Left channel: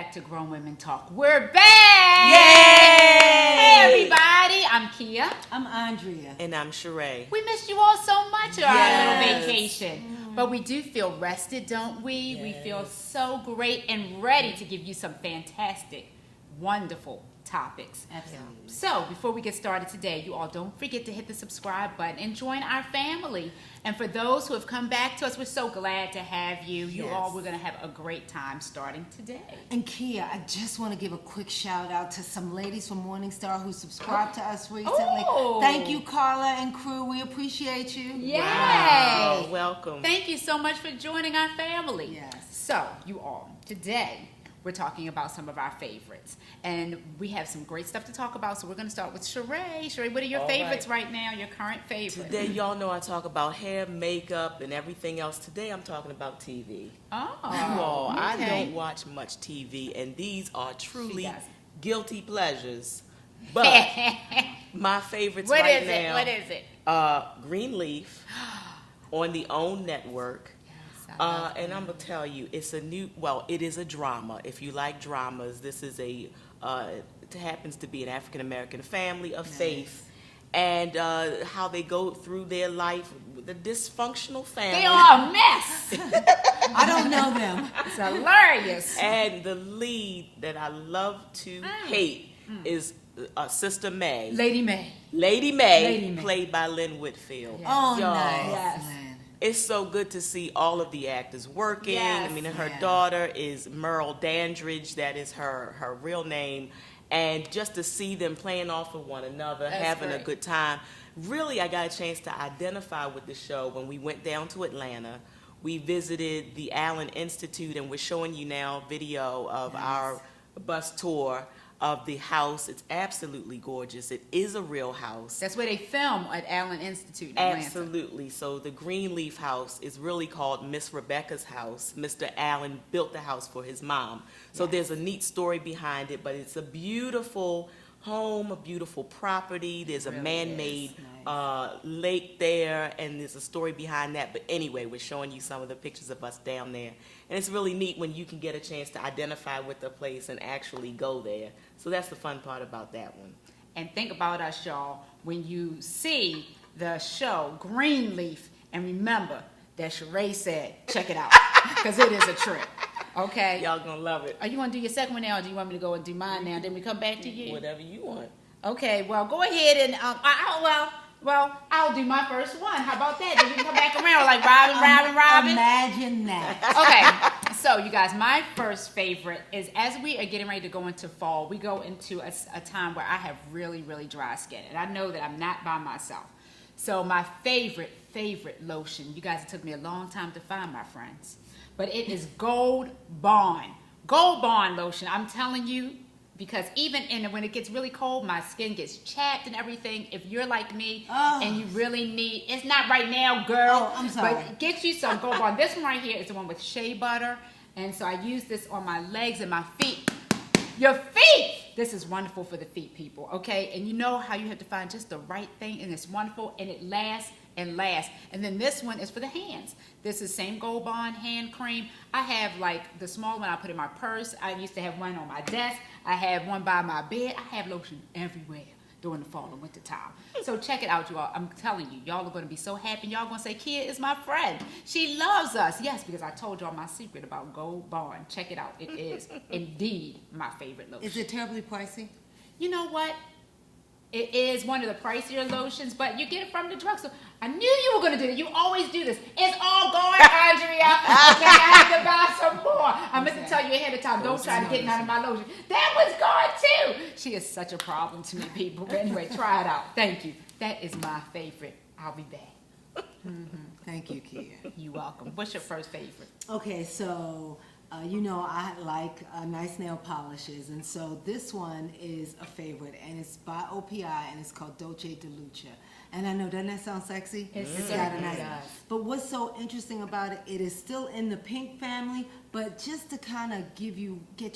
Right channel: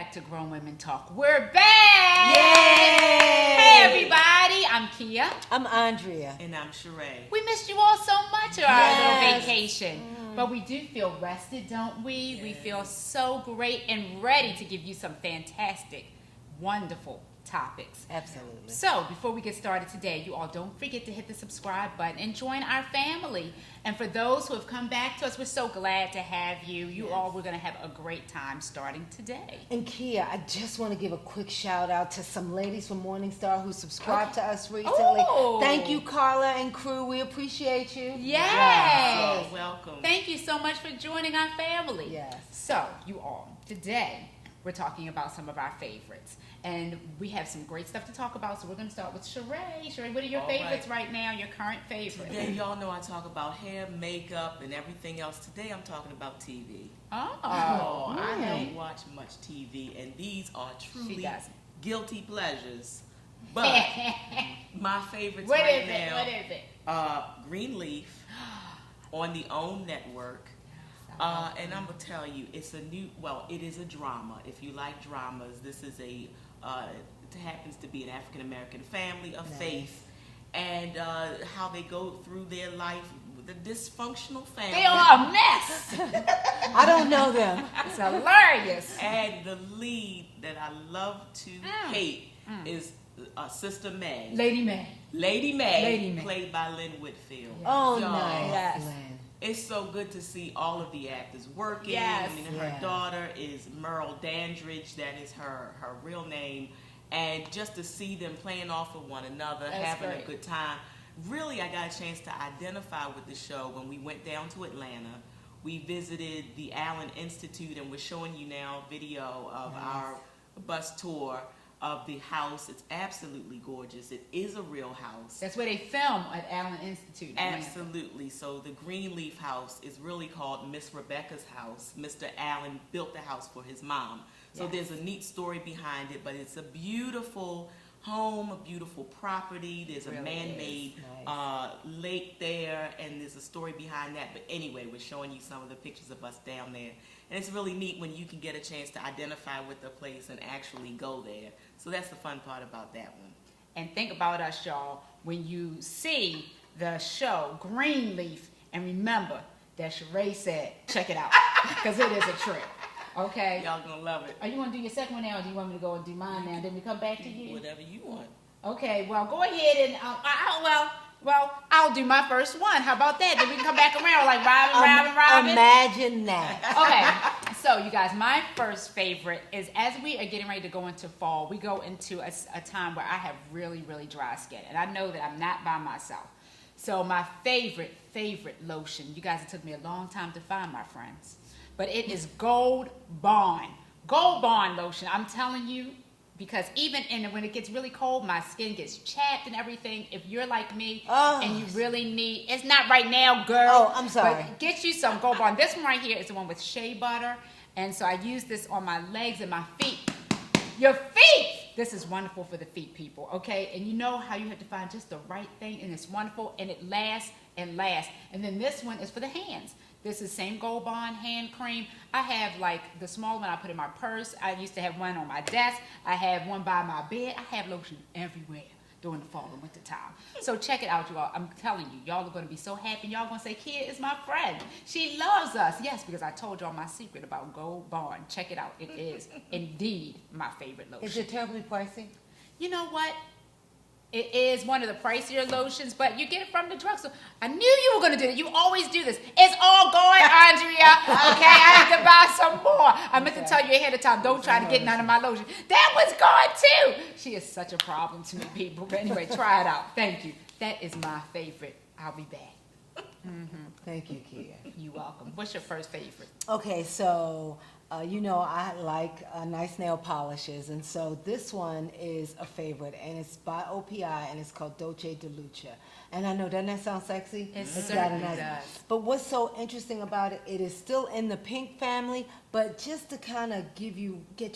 back to Grown Women Talk. We're back! Yay! Hey, everybody. I'm Kia. I'm Andrea. And I'm Sheree. We missed you all so much on our little Yes. vacation. But we do feel rested, don't we? Yes. We feel so great and ready to give you some fantastic, wonderful topics. Absolutely. So, before we get started today, you all don't forget to hit the subscribe button and join our family. And for those who have come back to us, we're so glad to have you. You Yes. all, we're going to have a great time starting today. And Kia, I just want to give a quick shout out to some ladies from Morningstar who subscribed to us recently. Oh. Thank you, Carla and crew. We appreciate you. Yay! Oh, welcome. Thank you so much for joining our family. Yes. So, you all, today we're talking about some of our favorites. And we have some great stuff to talk about, so we're going to start with Sheree. Sheree, what are your All favorites right. right now, your current favorites? Today, y'all know I talk about hair, makeup, and everything else. Today, I'm talking about TV. Oh, I okay. don't watch much TV, and these are truly doesn't. guilty pleasures. But my favorites What right is now, it? What is it? Greenleaf on the OWN network. And I'm gonna tell you, it is a drama. If you like dramas, this is it happens to be an African American family of faith, and how they go through their life with a dysfunctional family. They are a mess. I don't know them. It's hilarious. And the lead that I love to hate is Sister May. Lady May. Lady May, Lady May. played by Lynn Whitfield. Yes. Oh, Y'all, nice. Yes. Lynn. It's so good to see all of the actors working. Yes. I mean, her Yeah. daughter is Merle Dandridge. That is her real name. And just to see them playing off of one another, That's having great. a good time. Really, I got a chance to identify with the show when we went down to Atlanta. We visited the Allen Institute, and we're showing you now video of our bus tour of the house. It's absolutely gorgeous. It is a real house. That's where they film at Allen Institute in Atlanta. Absolutely. So the Greenleaf house is really called Miss Rebecca's house. Mr. Allen built the house for his mom. So Yes. there's a neat story behind it, but it's a beautiful home, a beautiful property. There's a Really man-made lake there, and there's a story behind that. But anyway, we're showing you some of the pictures of us down there. And it's really neat when you can get a chance to identify with the place and actually go there. So that's the fun part about that one. And think about us, y'all, when you see the show Greenleaf, and remember that Sheree said, check it out, because it is a trip. Okay? Y'all gonna love it. Are you want to do your second one now, or do you want me to go and do mine now? Then we come back to you. Whatever you want. Okay, well, go ahead and, I'll do my first one. How about that? Then we can come back around like Robin. Imagine that. Okay, so you guys, my first favorite is as we are getting ready to go into fall, we go into a time where I have really, really dry skin. And I know that I'm not by myself. So my favorite lotion, you guys, it took me a long time to find, my friends. But it is Gold Bond. Gold Bond lotion, I'm telling you, because even when it gets really cold, my skin gets chapped and everything. If you're like me and you really need, it's not right now, girl. Oh, I'm sorry. But get you some Gold Bond. This one right here is the one with shea butter. And so I use this on my legs and my feet. Your feet! This is wonderful for the feet, people, okay? And you know how you have to find just the right thing, and it's wonderful, and it lasts and lasts. And then this one is for the hands. This is same Gold Bond hand cream. I have like the small one I put in my purse. I used to have one on my desk. I have one by my bed. I have lotion everywhere during the fall and winter time. So check it out, you all. I'm telling you, y'all are going to be so happy. Y'all going to say, Kia is my friend. She loves us. Yes, because I told y'all my secret about Gold Bond. Check it out. It is indeed my favorite lotion. Is it terribly pricey? You know what? It is one of the pricier lotions, but you get it from the drugstore. I knew you were going to do it. You always do this. It's all going, Andrea. Okay, I have to buy some more. I meant to tell you ahead of time. Don't try to get none of my lotion. That was gone too. She is such a problem to me, people. But anyway, try it out. Thank you. That is my favorite. I'll be back. Thank you, Kia. You're welcome. What's your first favorite? Okay, so you know I like nice nail polishes, and so this one is a favorite, and it's by OPI, and it's called Dolce de Luce. And I know, doesn't that sound sexy? It It's certainly got a does. But what's so interesting about it, it is still in the pink family, but just to kind of get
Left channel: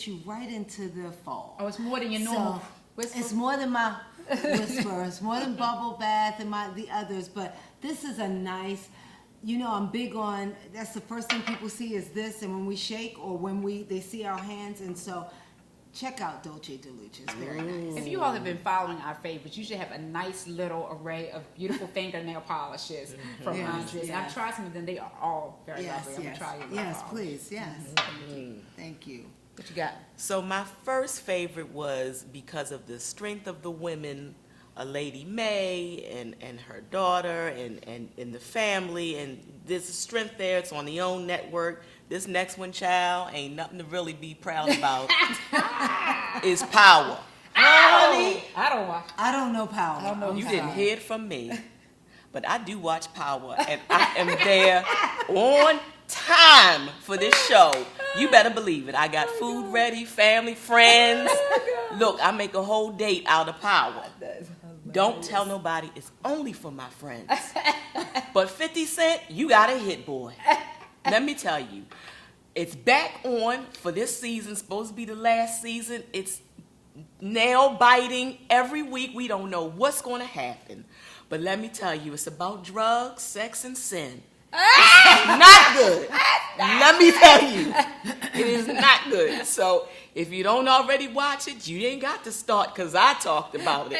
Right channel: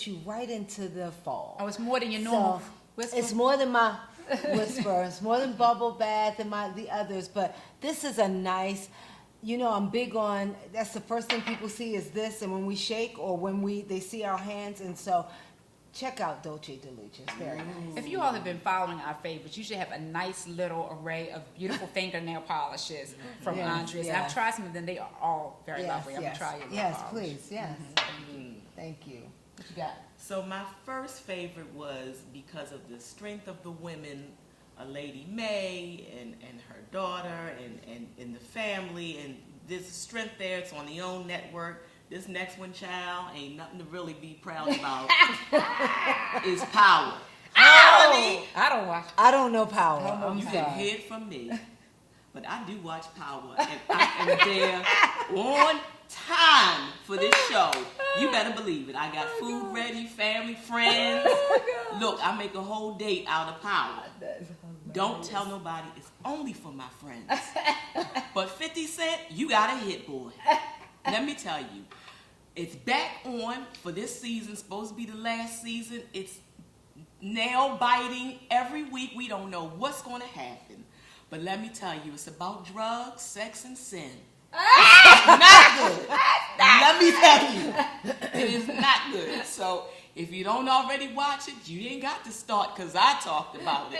you right into the fall. Oh, it's more than your So, normal whisper? It's more than my whisper. It's more than bubble bath and the others. But this is a nice, you know, I'm big on, that's the first thing people see is this, and when we shake or when they see our hands, and so check out Dolce DeLucia. It's very nice. If you all have been following our favorites, you should have a nice little array of beautiful fingernail polishes from Yes, Andrea's. And yeah. I've tried some of them. They are all very Yes, lovely. I'm going yes. to try your nail Yes, polish. please, yes. Thank you. Thank you. What you got? So my first favorite was because of the strength of the women, a Lady May and her daughter and the family, and this strength there. It's on the OWN network. This next one, child, ain't nothing to really be proud about. Is Power. Honey, I don't watch. I don't know Power. I don't know I'm you Power. didn't sorry. hear it from me, but I do watch Power, and I am there on time for this show. You better believe it. I got food ready, family, friends. Look, I make a whole date out of Power. Don't tell nobody. It's only for my friends. But 50 Cent, you got a hit, boy. Let me tell you, it's back on for this season. Supposed to be the last season. It's nail biting every week. We don't know what's going to happen. But let me tell you, it's about drugs, sex, and sin. It's not good. Let me tell you, it is not good. So if you don't already watch it, you ain't got to start because I talked about it.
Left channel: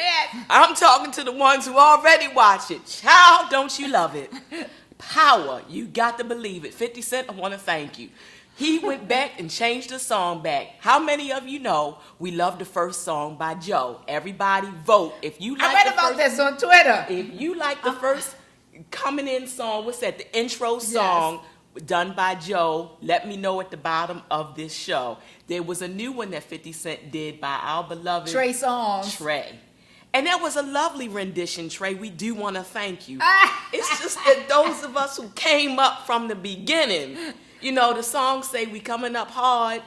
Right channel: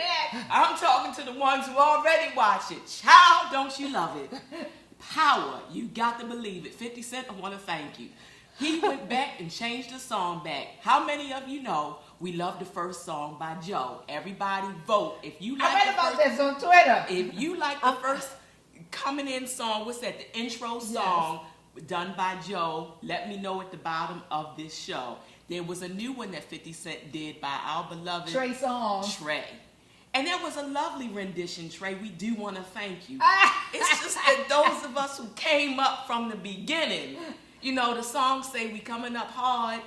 I'm talking to the ones who already watch it. Child, don't you love it? Power, you got to believe it. 50 Cent, I want to thank you. He went back and changed the song back. How many of you know we love the first song by Joe? Everybody vote. If you like I read the about first, this on Twitter. if you like the first coming in song, what's that? The intro song done by Joe. Let me know at the bottom of this show. There was a new one that 50 Cent did by our beloved Trey Songz. Trey. And that was a lovely rendition, Trey. We do want to thank you. Ah. It's just that those of us who came up from the beginning, you know, the songs say we coming up hard.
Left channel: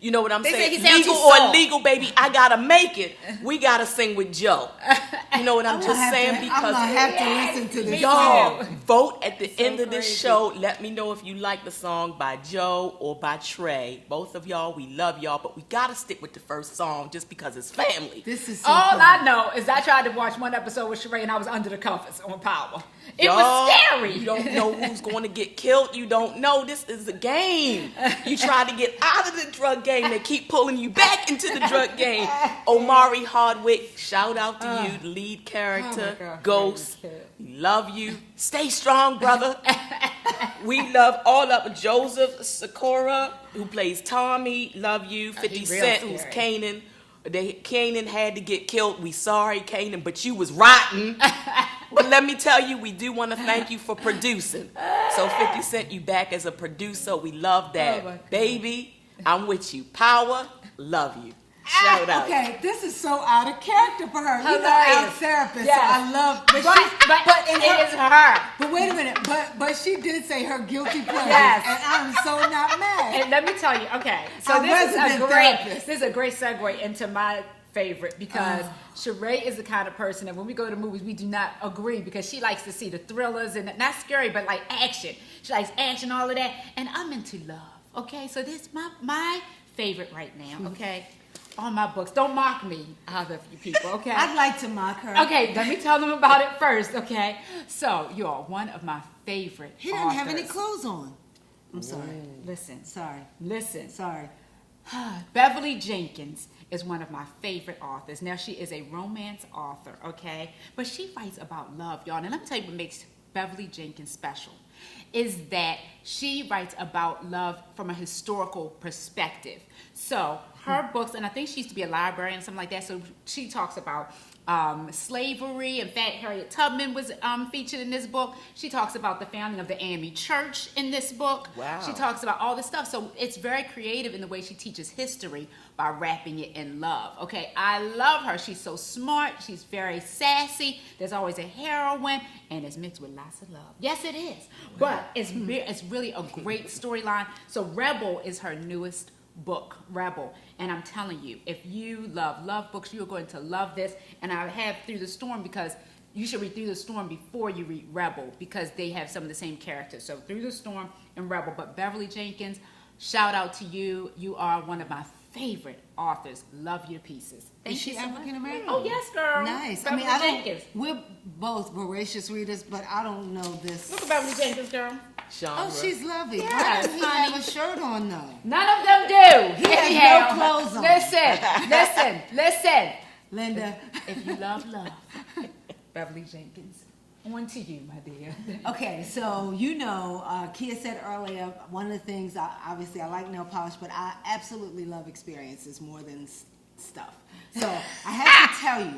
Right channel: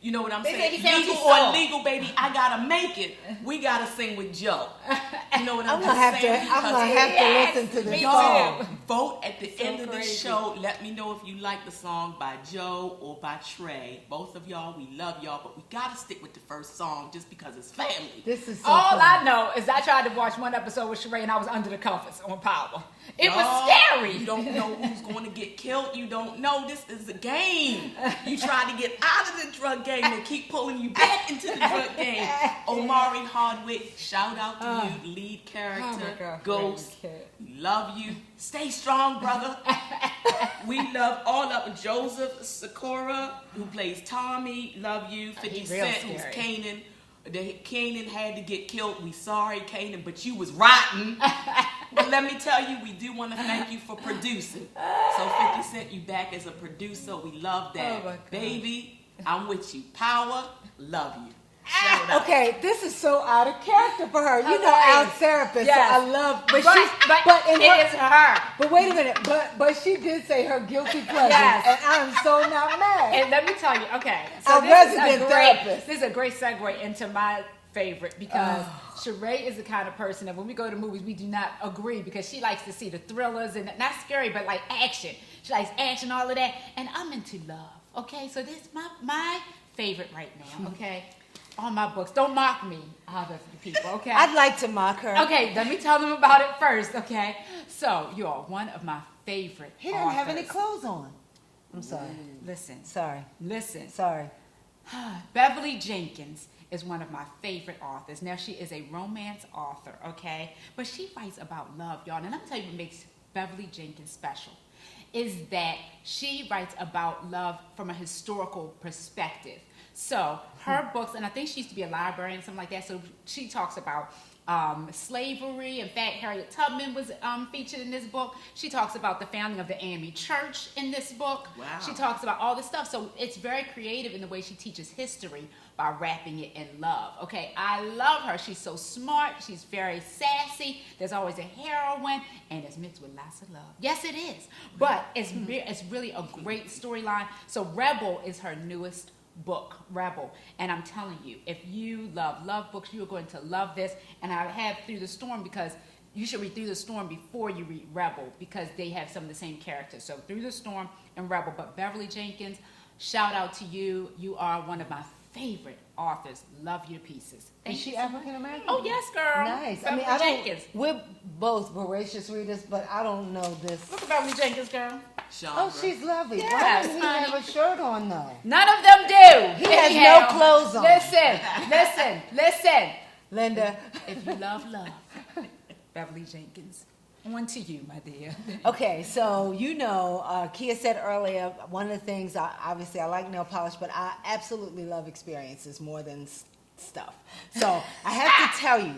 You know what I'm They say saying? he sounds Legal too or soft. illegal, baby, I gotta make it. We gotta sing with Joe. You know what I'm just saying? I'm gonna have to listen to this Me song. too. Vote at the It's so end of this crazy. show. Let me know if you like the song by Joe or by Trey. Both of y'all, we love y'all, but we gotta stick with the first song just because it's family. This is so All fun. I know is I tried to watch one episode with Sheree and I was under the covers on Power. It Y'all, was scary. You don't know who's going to get killed. You don't know. This is a game. You try to get out of the drug game. They keep pulling you back into the drug game. Omari Hardwick, shout out to you, the lead character. Oh my God, Ghost. Freddy. We love you. Stay strong, brother. We love all of Joseph Sikora, who plays Tommy. Love you. 50 real Cent, who's scary. Kanan. Kanan had to get killed. We sorry, Kanan, but you was rotten. But let me tell you, we do want to thank you for producing. So 50 Cent, you back as a producer. We love that. Oh, my God. Baby, I'm with you. Power, love you. Shout out. Okay, this is so out of character for her. You know, our Hilarious. therapist. Yes. So I love, But in it is her. But wait a minute. But she did say her guilty pleasure. Yes. And I'm so not mad. And let me tell you, okay, so Our this is resident therapist. this is a great segue into my favorite because Sheree is the kind of person that when we go to movies, we do not agree because she likes to see the thrillers and not scary, but like action. She likes action, all of that. And I'm into love, okay? So this is my favorite right now, okay? All my books. Don't mock me, either of you people, okay? I'd like to mock her. Okay, let me tell them about it first, okay? So, you're one of my favorite He doesn't have any authors. clothes on. I'm sorry. Listen, Sorry. Sorry. Beverly Jenkins is one of my favorite authors. Now, she is a romance author, okay? But she writes about love, y'all. And let me tell you what makes Beverly Jenkins special is that she writes about love from a historical perspective. So her books, and I think she used to be a librarian, something like that, so she talks about slavery. In fact, Harriet Tubman was featured in this book. She talks about the founding of the AME Church in this book. Wow. She talks about all this stuff. So it's very creative in the way she teaches history by wrapping it in love. Okay, I love her. She's so smart. She's very sassy. There's always a heroine, and it's mixed with lots of love. Yes, it is. But it's really a great storyline. So Rebel is her newest book, Rebel. And I'm telling you, if you love books, you're going to love this. And I have Through the Storm because you should read Through the Storm before you read Rebel because they have some of the same characters. So Through the Storm and Rebel. But Beverly Jenkins, shout out to you. You are one of my favorite authors. Love your pieces. Thank Is you she so much. African American? Oh, yes, girl. Nice. Beverly I mean, Jenkins. we're both voracious readers, but I don't know this. Look at Beverly Jenkins, girl. Genre. Oh, she's lovely. Why Yes, doesn't he honey. have a shirt on though? None of them do. He has Anyhow, no clothes on. Listen. Linda. If you love, Beverly Jenkins. On to you, my dear. Okay, so Kia said earlier, one of the things, obviously I like nail polish, but I absolutely love experiences more than stuff. So I have to tell you,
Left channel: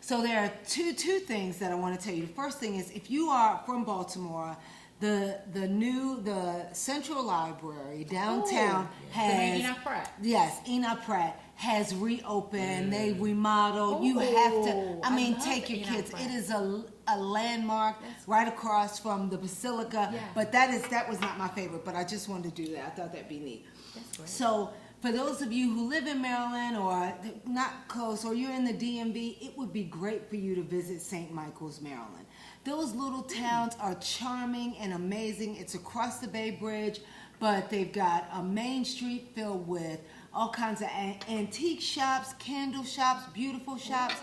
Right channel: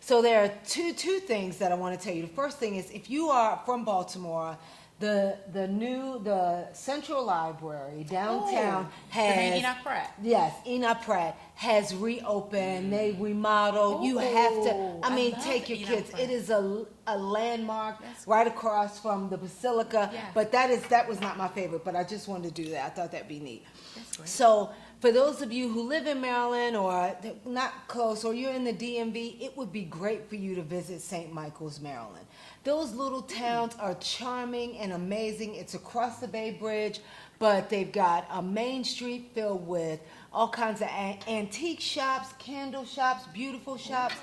so there are two things that I want to tell you. The first thing is, if you are from Baltimore, the Central Library downtown has... The name Enoch Pratt. Yes, Enoch Pratt has reopened. They remodeled. You have to. I mean, love take your Enoch kids. Pratt. It is a landmark That's right across from the Basilica. Yeah. But that was not my favorite. But I just wanted to do that. I thought that'd be neat. That's great. So for those of you who live in Maryland or not close, or you're in the DMV, it would be great for you to visit St. Michael's, Maryland. Those little towns are charming and amazing. It's across the Bay Bridge, but they've got a main street filled with all kinds of antique shops, candle shops, beautiful shops,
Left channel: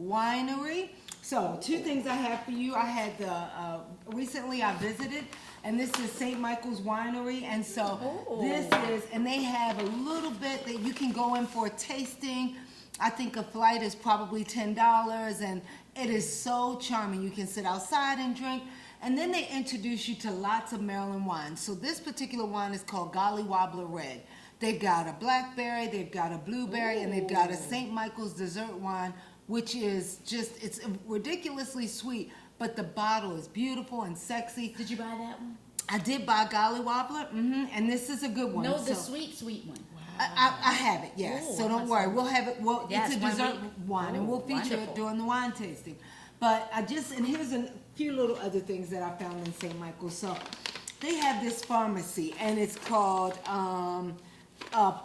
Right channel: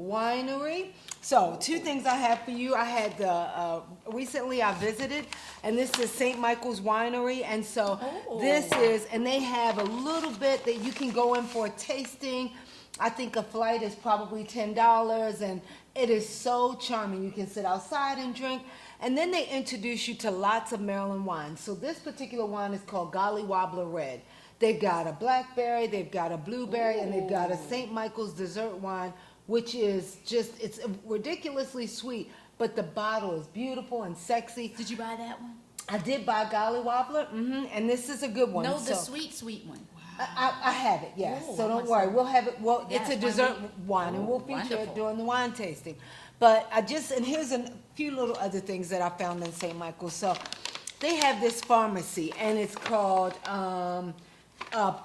winery. So two things I have for you. I had recently I visited, and this is St. Michael's Winery, and so and they have a little bit that you can go in for a tasting. I think a flight is probably $10, and it is so charming. You can sit outside and drink, and then they introduce you to lots of Maryland wines. So this particular wine is called Golly Wobbler Red. They've got a blackberry, they've got a blueberry, and they've got a St. Michael's dessert wine, which is it's ridiculously sweet, but the bottle is beautiful and sexy. Did you buy that one? I did buy Golly Wobbler, and this is a good one. No, the So- sweet one. I have it, yes. Ooh, so I don't must worry. have- We'll have it. Well, Yes, it's a when dessert wine, and we'll feature wonderful. it during the wine tasting. But and here's a few little other things that I found in St. Michael's. So they have this pharmacy, and it's called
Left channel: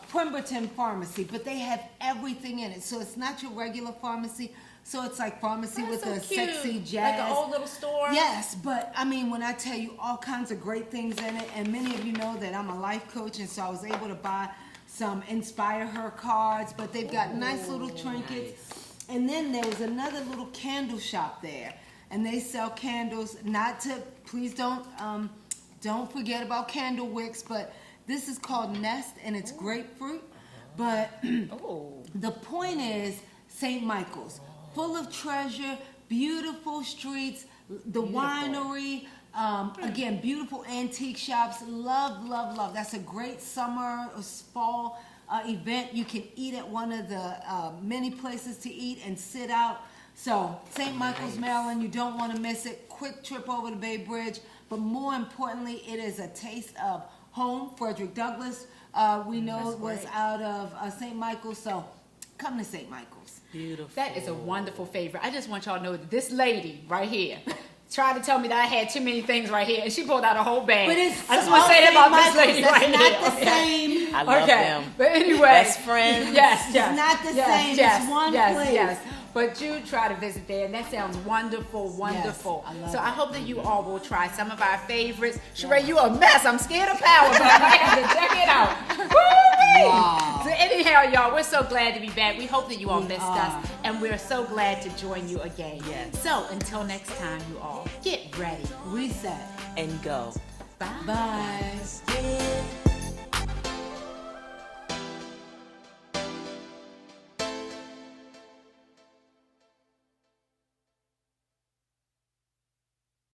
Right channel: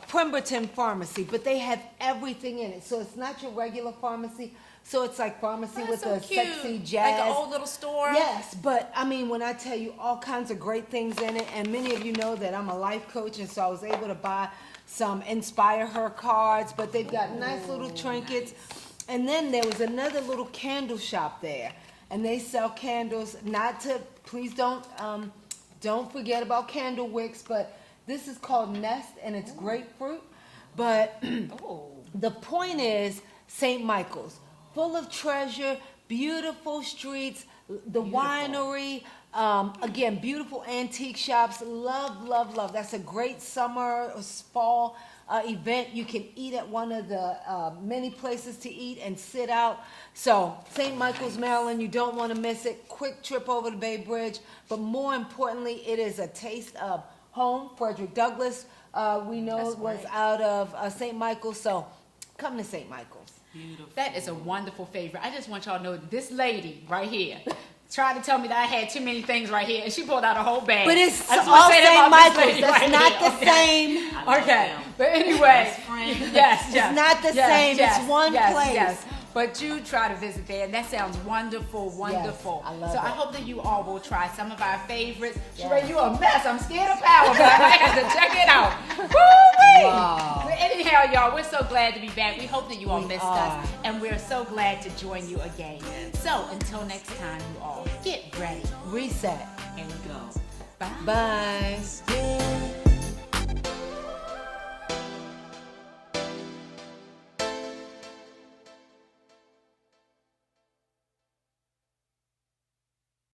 Pemberton Pharmacy, but they have everything in it. So it's not your regular pharmacy. So it's like pharmacy with so a cute. sexy jazz. Like an old little store. Yes, but I mean, when I tell you all kinds of great things in it, and many of you know that I'm a life coach, and so I was able to buy some Inspire Her cards, but they've got nice little trinkets. And then there was another little candle shop there, and they sell candles. Please don't forget about candle wicks, but this is called Nest, and it's grapefruit. But the point is, St. Michael's, full of treasure, beautiful streets, the winery, again, beautiful antique shops. Love, love, love. That's a great summer or fall event. You can eat at one of the many places to eat and sit out. So, St. Michael's, Maryland, you don't want to miss it. Quick trip over the Bay Bridge. But more importantly, it is a taste of home. Frederick Douglass, we know, That's was great. out of St. Michael's. So, come to St. Michael's. Beautiful. That is a wonderful favorite. I just want y'all to know that this lady right here tried to tell me that I had too many things right here, and she pulled out a whole bag. But it's I just want all to say that St. about this Michael's. lady It's right not here. the same. I love Okay, them. but anyway, Best friends. yes, not the same. It's one place. Yes, but you try to visit there, and that sounds wonderful, wonderful. I love so I it. hope that you all will try some of our favorites. Sheree, you a mess. I'm scared of power, but I might have to check it out. Woo-wee! Wow. So anyhow, y'all, we're so glad to be back. We hope that you all missed us, are. and we're so glad to join you again. So until next time, you all, get ready. Reset. And go. Bye. Bye.